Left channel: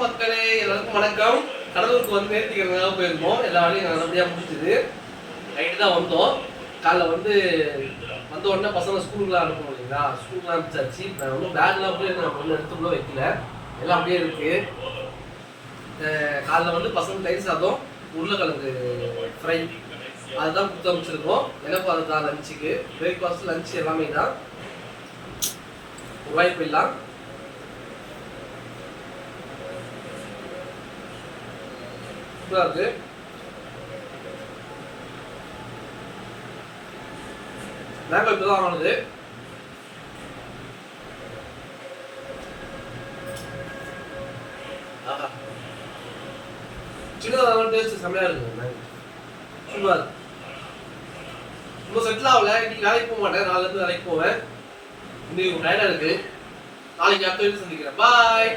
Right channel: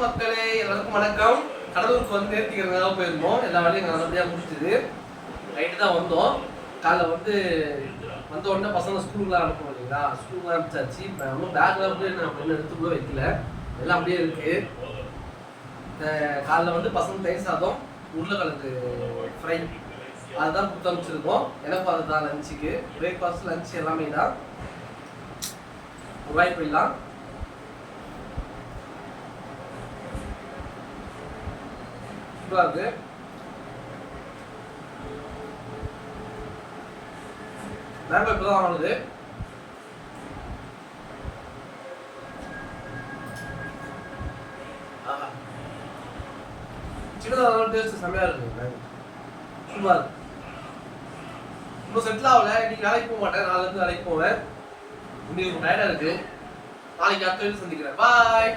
மக்களே, எல்லாருக்கும் வணக்கம். கடலூருக்கு வந்து நேர்த்திக்கிறதுக்காக போயிருந்தோம். எல்லா வேலையும் நல்லபடியா முடிஞ்சுது. நைட்டு தான் வந்தோம். காலைல வந்த உடனே பசங்க ஸ்கூலுக்குலாம் அனுப்பணும் இல்லைங்களா, ஸ்கூலுக்குலாம் அனுப்பிச்சாச்சு. நான் ஒன்றும் பேக்லாம் போய் நான் ஒன்றும் எடுத்து கூட வைக்கல, எல்லாம் அப்படியே இருக்கு. காலைல பசங்க தயிர் சாதம், உருளைக்கிழங்கு ஃப்ரை அதுதான் கொடுத்து அமைச்சிருக்கோம். எனக்கும் அதுதான் லஞ்சுக்கு. பிரேக்ஃபாஸ்ட் லஞ்ச் எல்லாமே தான். வாய்ப்பு இல்லாம் இருக்கு. மேப் இப்பதான் ஆனது. சின்னதாக டேஸ்ட் செம்மையா இருக்குங்க. சும்மா இன்னும் செட்டில் ஆகல. இன்னைக்கு வேலைக்கு போக மாட்டேன், நாளைக்கு வேலைக்கு போவேன். இன்னைக்கு டயர்டா இருக்கு. நாளைக்கு அடுத்த வீடு சந்திக்கிறேன். பாய்.